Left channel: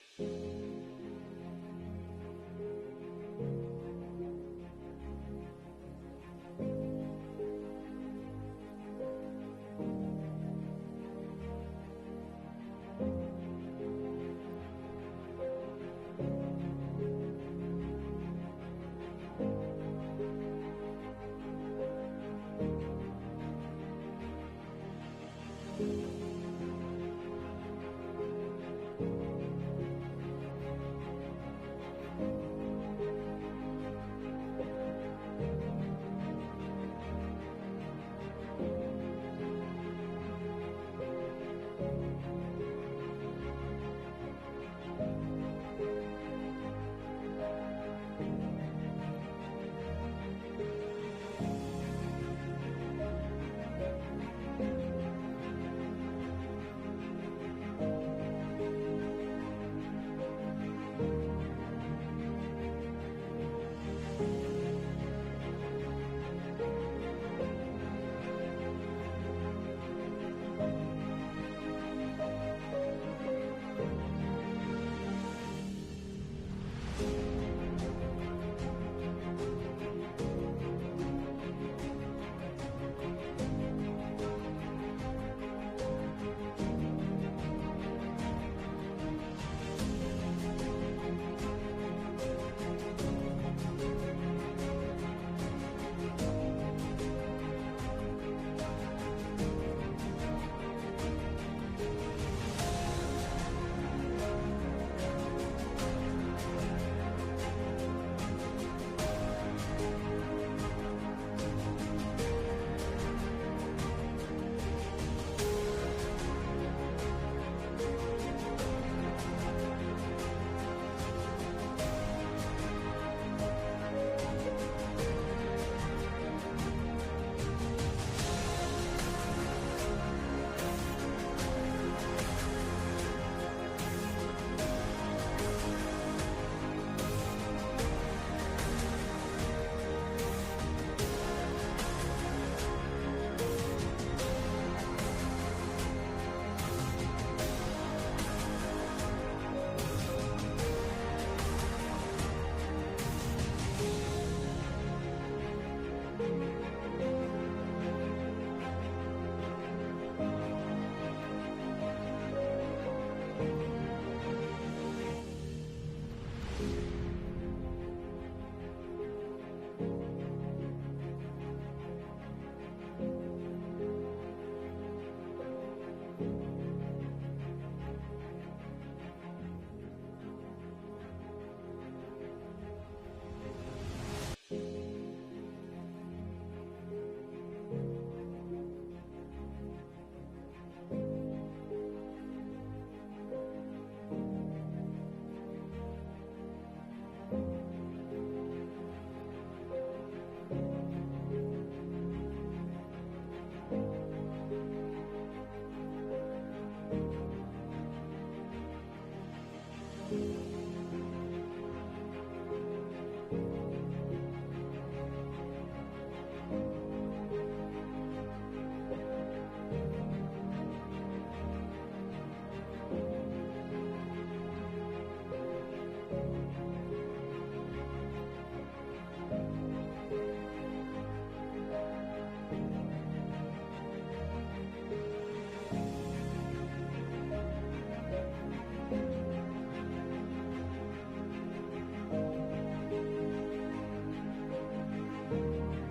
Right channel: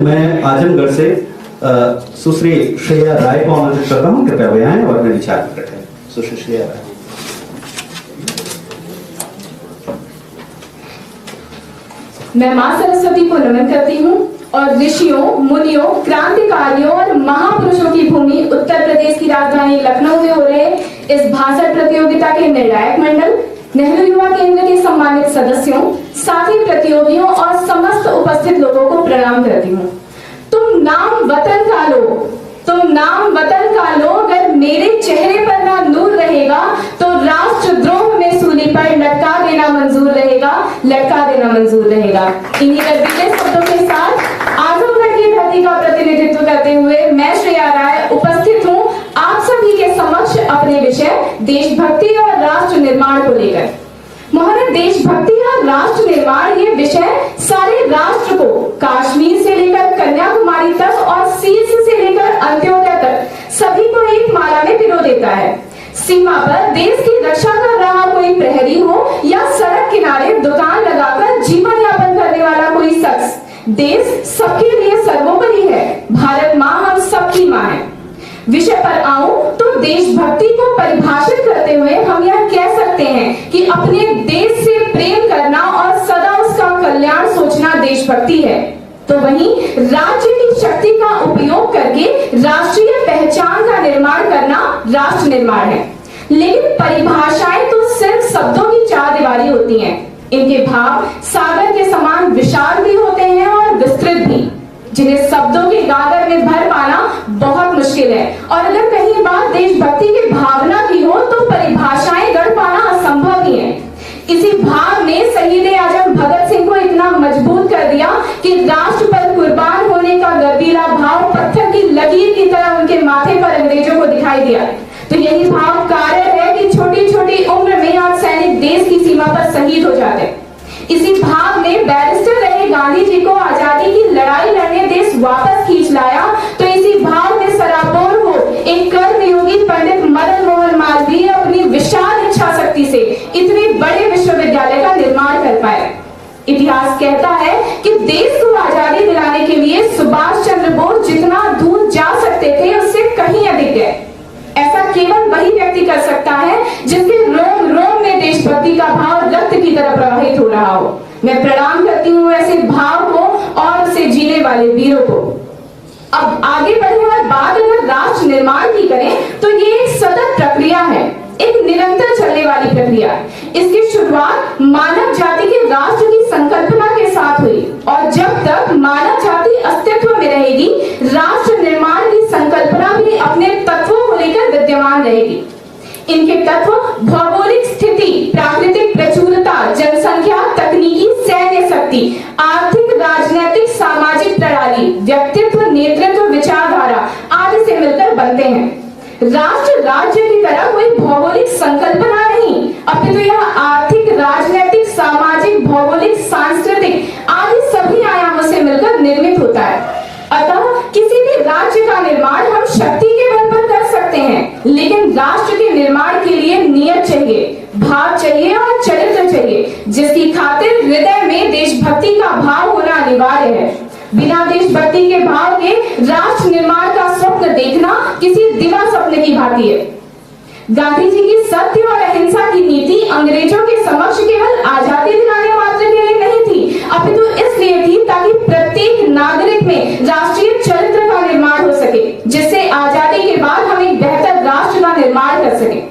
मैं आजमगढ़ से सुश्री श्रेया राय को आमंत्रित करता हूँ, कृपया वे आएं और अपने विचार प्रकट करें। सुश्री श्रेया राय। मैं मां सरस्वती को नमन करती हूँ और ऋषियों, मुनियों, क्रांतिकारियों और महापुरुषों की भूमि उत्तर प्रदेश की राजधानी लखनऊ में हो रहे इस भाषण प्रतियोगिता के निर्णायक मंडल, नेहरू युवा केंद्र के सम्मानित सदस्यों, साथी प्रतियोगियों और समस्त उपस्थित लोगों को प्रणाम करती हूँ। तुम नाम वतन का लो, तुम नाम वतन का लो, अगर मेरे चेहरे पर ना नूर रहेगा तो राष्ट्रद्रोह में सूली पर लटका देना मंजूर रहेगा, लटका देना मंजूर रहेगा। इन्हीं गर्वीले शब्दों के साथ आजमगढ़ की धरती का प्रतिनिधित्व करते हुए मैं श्रेया राय उपस्थित हूँ आप सभी के समक्ष अपने विषय देशभक्ति और राष्ट्र निर्माण को लेकर। महोदय, देशभक्ति और राष्ट्र निर्माण ये विषय सारे राष्ट्र को कश्मीर से लेकर कन्याकुमारी तक और शीर्ष से लेकर अंत्योदय तक सभी को एक माला में पिरो देता है। सीमा पर देश की रक्षा कर रहा कोई प्रहरी हो या सड़क किनारे दुकान लगाकर जीवन यापन करने वाला कोई शख्स, देश सबके लिए सर्वोपरि है। भारत माँ हम सबकी माँ है। विषय पर आऊं तो देशभक्ति को परिभाषित करते हुए हम यह कह सकते हैं कि अपने देश से प्रेम करना और सदा उसका कल्याण सोचना देशभक्ति है। तो वहीं राज्य की शक्ति का उपयोग करके राष्ट्रीय पहचान का निर्माण करना राष्ट्र निर्माण है। लेकिन परिभाषाएं तो सिर्फ शब्दों की चार दीवारी होती हैं। इनके भाव सागर के समान विशाल भी होते हैं और विस्तृत भी, जिन्हें शब्दों के गागर में भर पाना बहुत मुश्किल है। और अगर कहीं बात देशभक्ति की भावना की हो तो परिभाषाएं गढ़ पाना असंभव ही है। इसी भाव ने शहीद आजम भगत सिंह को इतना मजबूत कर दिया कि राष्ट्र पर कुर्बान होने का गर्दीला भाव पत्थर की लकीर की तरह उनके माथे पर अंग्रेजों को दिखाई दिया। तो यही भाव कारण है कि छोटी छोटी उम्र में आज सैनिक देश की सीमा पर शहीद हो जाते। इसी भाव ने बैरिस्टर रहे गांधी जी को आजादी की लड़ाई लड़ने देश वापस खींच लाया। तो इसी भाव ने सराबोर हो एक कर्मयोगी पंडित मदन मोहन मालवीय अपनी विशाल इच्छा शक्ति से इतने बड़े विश्वविद्यालय का निर्माण कर पाए। इतिहास कहता है कि देश को आजादी दिलाने के लिए सुभाष चंद्र बोस जितना दूर जा सकते थे उससे कहीं अधिक गए। ऐसा केवल वही व्यक्ति कर सकता है जिसके रोम रोम में देशभक्ति का भाव रक्त की तरह प्रवाहित हो रहा हो। मैं प्रणाम करती हूँ ऐसे भाव को और उसे जीने वाले वीरों को। अब आगे बढ़े और बात अगर राष्ट्र निर्माण की करें तो ये एक सतत प्रक्रिया है, एक निरंतर चलने वाली प्रक्रिया। इसकी शुरुआत मानव जाति के राष्ट्र की संकल्पना के साथ हुई और जब तक मानव जाति अस्तित्व में रहेगी राष्ट्र निर्माण की संकल्पना भी अपने तत्वों को लेकर विद्यमान रहेगी। इनके तत्व भौगोलिक स्थिति, प्राकृतिक प्रचुरता, जनसंख्या, तकनीकी सैन्य शक्ति, आर्थिक, राजनीतिक, सामाजिक प्रणाली, व्यक्तित्व, नेतृत्व, विचारधारा आदि से मिलकर बनते हैं। राष्ट्र राज्य की तरह कोई भौगोलिक संकल्पना नहीं, अपितु यह आर्थिक, राजनीतिक, सामाजिक, भौगोलिक, सांस्कृतिक आदि सभी आयामों से मिलकर निर्मित होता है। अतः किसी भी राज्य का निर्माण हम शक्ति के बल पर कर सकते हैं, लेकिन राष्ट्र के निर्माण के लिए नियत चाहिए, भाव चाहिए और चरित्र चाहिए, जिसकी खातिर हृदय में देशभक्ति का भाव होना अनिवार्य है। बिना देशभक्ति के भाव के राष्ट्र निर्माण का स्वप्न देखना किसी दिवा सपने की भांति है। गांधी जी की सत्य और अहिंसा की नीति अंग्रेजों के समक्ष केवल आजादी दिलाने मात्र के लिए नहीं थी, अपितु इसलिए थी ताकि प्रत्येक नागरिक में राष्ट्रीय चरित्र का निर्माण हो सके, जिससे आजादी के बाद हम एक बेहतर राष्ट्र का निर्माण कर सके।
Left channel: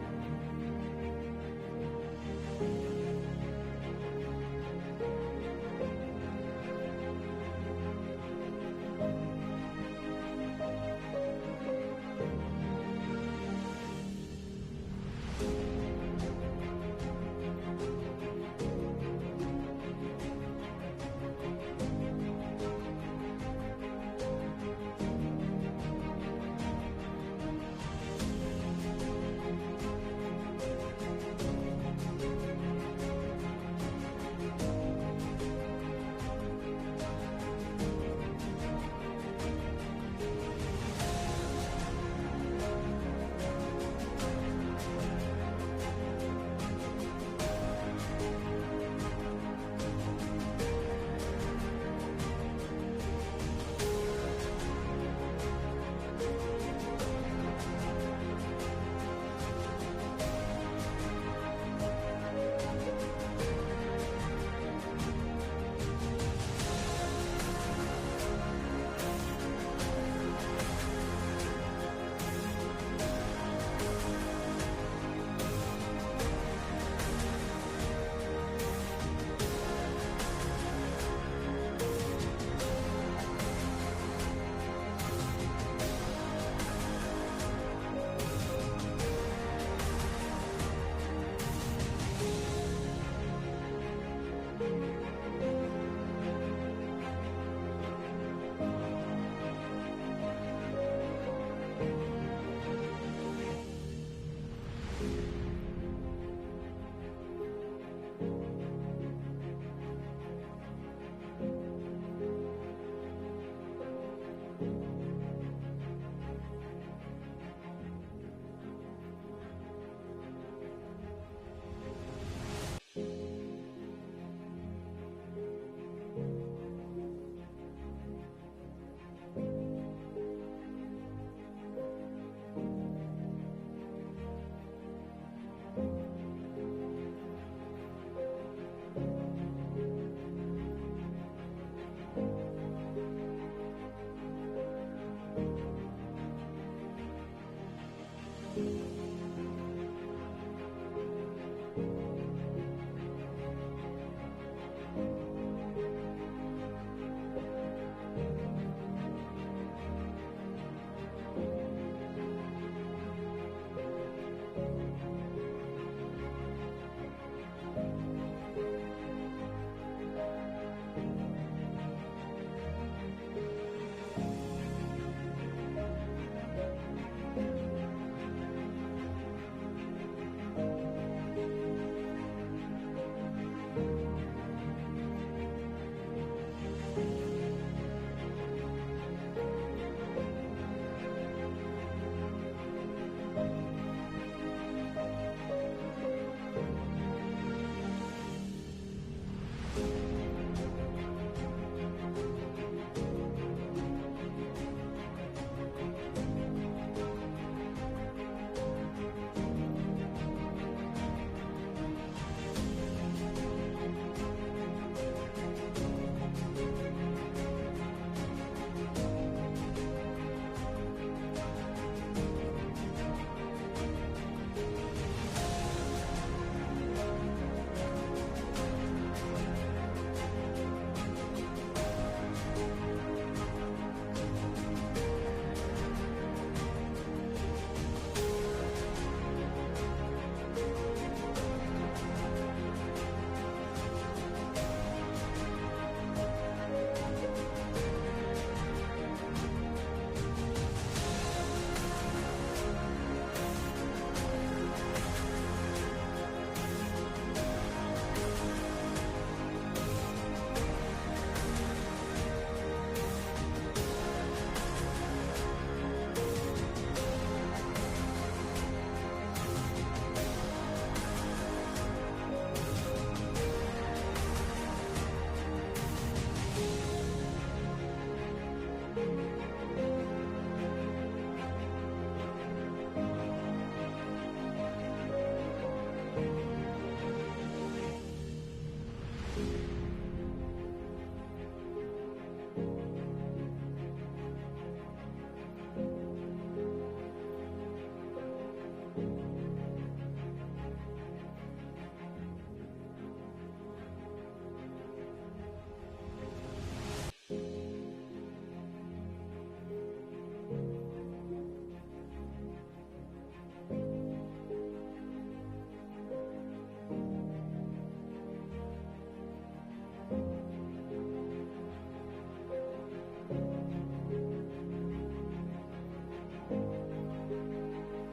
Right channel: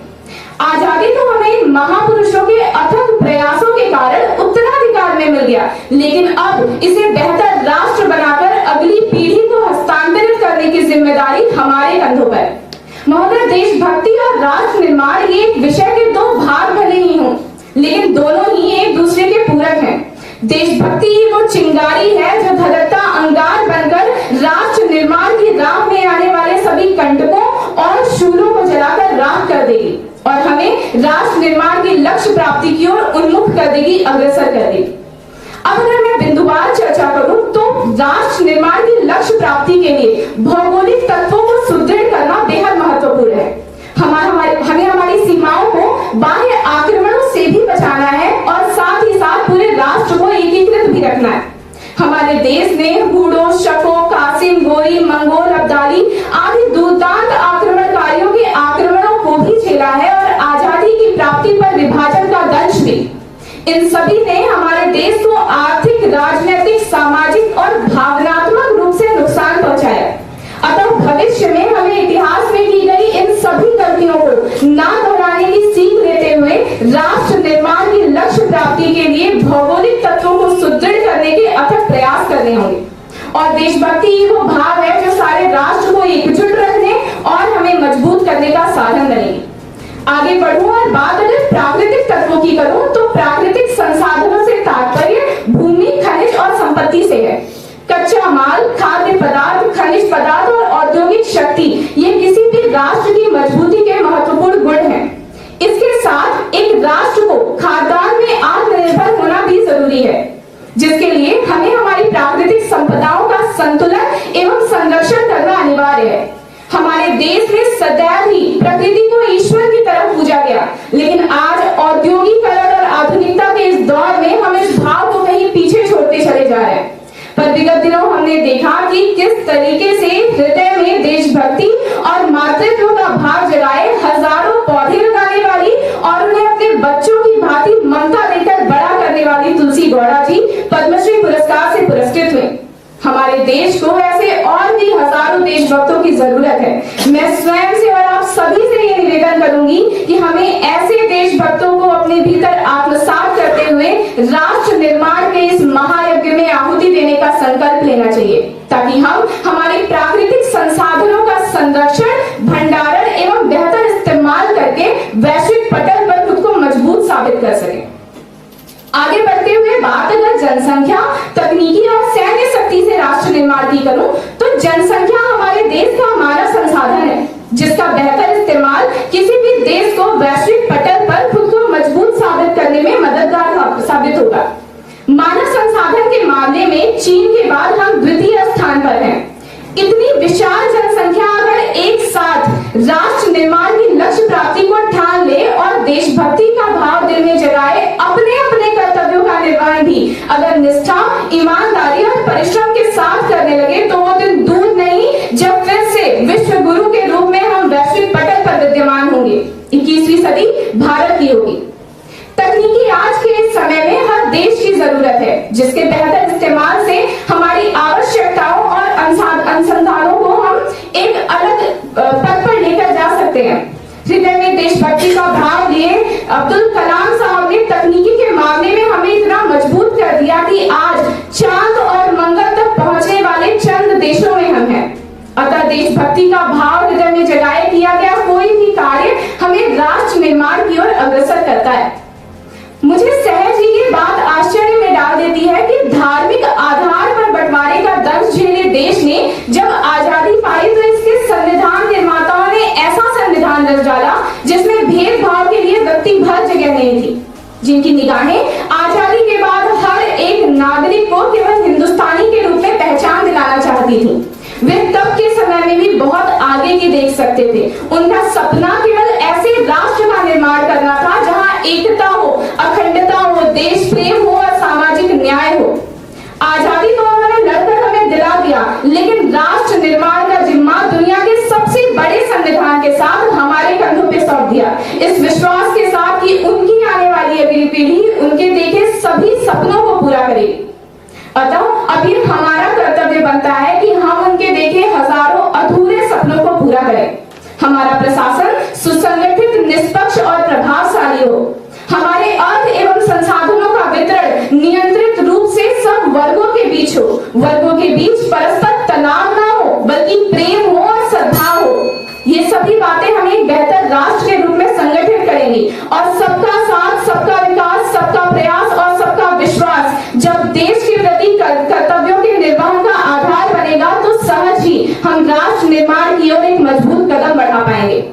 आजादी तो हमें महापुरुषों के अथक प्रयासों के कारण उत्तराधिकार में मिल गया, लेकिन अब इसे बेहतर राष्ट्र बनाकर अगली पीढ़ी को हस्तांतरित करने की जिम्मेदारी हमारे कंधों पर। महोदय, देशभक्ति और राष्ट्र निर्माण ये एक विषय के दो भाग भले ही हों, लेकिन दोनों ही एक दूसरे के पूरक हैं। देशभक्ति ही वो चिंगारी है जो धधकता अंगार बनकर राष्ट्र निर्माण की राह में आने वाले सभी कंटकों और शूलों को जलाकर राख कर देगी और हमें राष्ट्र निर्माण के लक्ष्य प्राप्ति की ओर उन्मुख कर देगी, अग्रसर कर देगी। अब अगर मैं बिंदुवार चर्चा करूं तो राष्ट्र निर्माण के लक्ष्य प्राप्ति के लिए भौगोलिक तत्वों को सुदृढ़ करना बेहद महत्वपूर्ण है। हमें हमारी सीमाओं को बाह्य आक्रमणों से भी बचाना है और साथ ही साथ पूरे राष्ट्र को एकीकृत भी रखना है। हमारे देश ने हूडो, शको, कासिम, गोरी, मंगोल, अब्दाली आदि दुर्दांत आक्रमणकारियों के आक्रमणों को भी झेला है और आजादी की प्राप्ति पर विभाजन का दंश भी। इन सभी ने हमारे देश को आर्थिक, राजनीतिक, सामाजिक और भावनात्मक रूप से नुकसान पहुंचाया। अतः भविष्य में हमें इतिहास में की गई इन सभी गलतियों को ना दोहराने की सीख लेते हुए राष्ट्र निर्माण की लक्ष्य प्राप्ति के लिए भौगोलिक तत्वों को सुदृढ़ करने के अथक प्रयास करने होंगे। और देशभक्ति ही वो भाव है जो सारे राष्ट्र को एकजुट रखने और हमें मजबूत करने का साधन बनेगी। आगे बढ़ूं और बात अगर प्राकृतिक तत्वों की करूं तो प्राकृतिक संसाधनों से तात्पर्य भूमि, खनिज और संपत्ति से है। कच्चा माल, खाद्य पदार्थ, खनिज पदार्थ और औद्योगिक शक्ति ये किसी भी राष्ट्र की मजबूती के महत्वपूर्ण गुण हैं। इसके साथ एक राष्ट्र को खाद्यान्न में आत्मनिर्भर होना भी जरूरी है, जिसके लिए हमें हमारी प्राकृतिक संपदाओं का संतुलन एवं संरक्षण करना अनिवार्य है। हमारे देश में सदैव ही प्रकृति को ईश्वर की तरह पूजा गया, लेकिन आज औद्योगिकरण और आधुनिकता के इस दौर में हम इस भाव को कहीं पीछे छोड़ते चले जा रहे हैं। पर विगत दिनों हमने देखा कि किस तरीके से हृदय में देशभक्ति और मातृत्व का भाव जगाए हजारों पौधे लगाने वाली और उन्हें अपने बच्चों की भांति ममता देकर बड़ा करने वाली तुलसी गौड़ा जी पद्मश्री पुरस्कार से पुरस्कृत हुए। हमारे देश को ऐसे और भी हजारों देशभक्तों की जरूरत है। मैं स्वयं से और आप सभी से ये निवेदन करूंगी कि हमें ऐसे देशभक्तों को अपने भीतर आत्मसात करते हुए राष्ट्र निर्माण के इस महायज्ञ में आहुति देने का संकल्प लेना चाहिए, ताकि हम हमारे प्राकृतिक संसाधनों का संरक्षण, भंडारण एवं बेहतर इस्तेमाल करके वैश्विक पटल पर खुद को मजबूत साबित कर सकें। आगे बढ़ते हुए बात अगर जनसंख्या, तकनीकी और सैन्य शक्ति से राष्ट्र निर्माण की करूं तो जनसंख्या हमारे देश का मानव संसाधन है, जिसका बेहतर इस्तेमाल किसी भी देश को वैश्विक पटल पर खुद को मजबूत साबित करने में मददगार साबित होगा। मानव संसाधन के मामले में चीन के बाद हम द्वितीय स्थान पर हैं। इतनी विशाल जनसंख्या अगर एक साथ राष्ट्र निर्माण की लक्ष्य प्राप्ति को ठान ले और देशभक्ति का भाव दिल में जगाए, अपने अपने कर्तव्यों का निर्वहन भी अगर निष्ठा, ईमानदारी और परिश्रम के साथ करने लगे तो वो दिन दूर नहीं जब फिर से विश्व गुरु के रूप में हम वैश्विक पटल पर विद्यमान होंगे। 21वीं सदी भारत की होगी। तकनीकी आज के इस समय में हर देश की जरूरत है, जिसके बेहतर इस्तेमाल से हमारी आवश्यकताओं और अनुसंधानों को हम एक अलग पद पर लेकर जा सकते हैं। हृदय में देशभक्ति का भाव लिए अब्दुल कलाम साहब ने तकनीकी के मामले में हमें इतना मजबूत कर दिया कि आज चांद और मंगल तक पहुंचने वाले चंद देशों में हम हैं। अतः देशभक्ति का भाव हृदय में जगाए किया गया कोई भी कार्य हमें राष्ट्र निर्माण की ओर अग्रसर करता है। मुझे सहज ही ये बात आश्चर्य में डाल देती है कि धार्मिक आधार पर बंटवारे का दंश झेले देश ने जब आजादी पाई तो इसके संविधान निर्माताओं ने ऐसा संविधान रच डाला जिसमें भेदभाव के लिए व्यक्ति भर जगह नहीं थी, जिनकी निगाहें आजादी के बाद हर एक नागरिक को केवल हिंदुस्तानी के रूप में पहचान दिलाना चाहती थी। वे तब के समय में भी बहुत आगे की देख सकते थे। उनका सपना केवल ऐसे राष्ट्र का निर्माण करना था जहां एकता हो, अखंडता हो, देश प्रेम हो और सामाजिक न्याय हो। आजादी तो उन्होंने लड़कर हमें दिला दिया, लेकिन राष्ट्र निर्माण का जिम्मा दुनिया के सबसे बड़े संविधान के साथ हमारे कंधों पे सौंप दिया, इस विश्वास के साथ कि उनकी आने वाली अगली पीढ़ी उनके देखे सभी सपनों को पूरा करेगी। अतः अभी हमारा कर्तव्य बनता है कि हम उनके देखे हजारों अधूरे सपनों को पूरा करें। हमारा प्रशासन सुसंगठित, निष्पक्ष और प्रभावशाली हो। हमारे अर्थ एवं संसाधनों का वितरण नियंत्रित रूप से सब वर्गों के बीच हो। वर्गों के बीच परस्पर तनाव ना हो, बल्कि प्रेम हो और सद्भाव हो। ये सभी बातें हमें एक बेहतर राष्ट्र के रूप में संगठित करेंगी और सबका साथ, सबका विकास, सबका प्रयास और सबका विश्वास जब देश के प्रति कर्तव्यों के निर्वहन का आधार बनेगा तो सहज ही हम राष्ट्र निर्माण की ओर एक मजबूत कदम बढ़ा पाएंगे।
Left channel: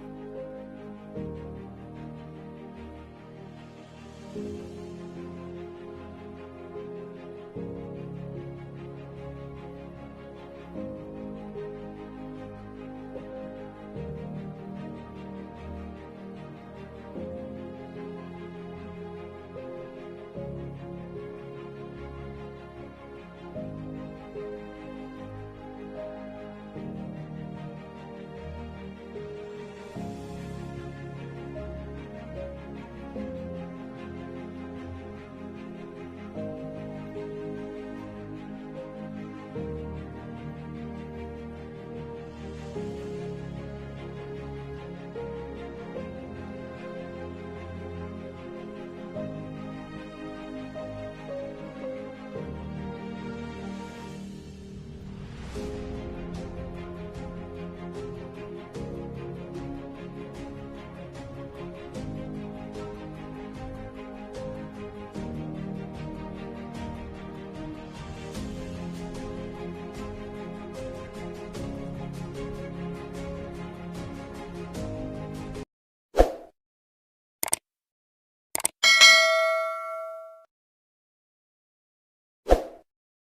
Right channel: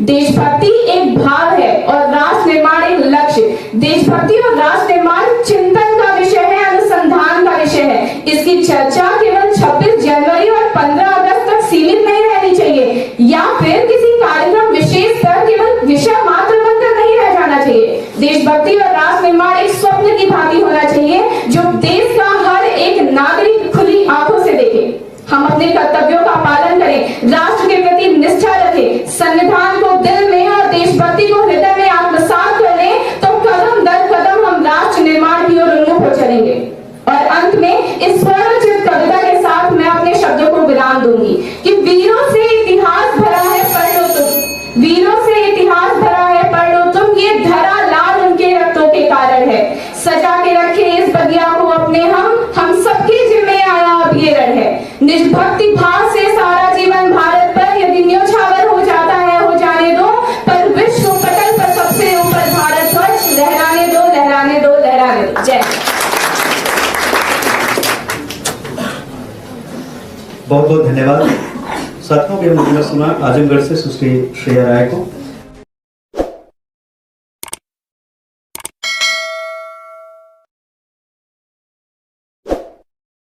देशभक्ति एक भाव है और राष्ट्र निर्माण एक लक्ष्य। देशभक्ति और राष्ट्र निर्माण चिंतन का विषय है, अनुसंधान का विषय है। इसकी चर्चा केवल 26 जनवरी और 15 अगस्त तक सीमित नहीं रहनी चाहिए, या फिर किसी कार्यक्रम विशेष पर केवल विषय मात्र बनकर नहीं रह जाना चाहिए। देशभक्ति और राष्ट्र निर्माण एक स्वप्न की भांति होना चाहिए जो देश का हर एक नागरिक अपने कर्तव्यों का पालन करें, राष्ट्र के प्रति निष्ठा रखें, संविधान को दिल में और देशभक्ति को हृदय में आत्मसात कर लें, तो कदम दर कदम हम राष्ट्र निर्माण की ओर उन्मुख हो चलेंगे। और अंत में इस स्वर्णचित कविता के साथ मैं अपने शब्दों को विराम दूंगी कि वीरों से इतिहास भरा है, पढ़ लो तुम, वीरों से इतिहास भरा है, पढ़ लो तुम, ये धरा लाल उनके रक्तों के कारण है, सजा के रखे इस बगिया को अपने हम सबके जिम्मे आया अब ये रण है। निष्भक्ति भाव से सारा जीवन भारत पर यदि न्योछावर हो जाता है हो जाने दो, पर विश्व पटल पर सबसे ऊपर भारत ध्वज लहराने दो, लहराने दो, लहराने दो। जय। बहुत बहुत धन्यवाद साथियों। के हमने सुना आजमगढ़ से सुश्री श्रेया राय को।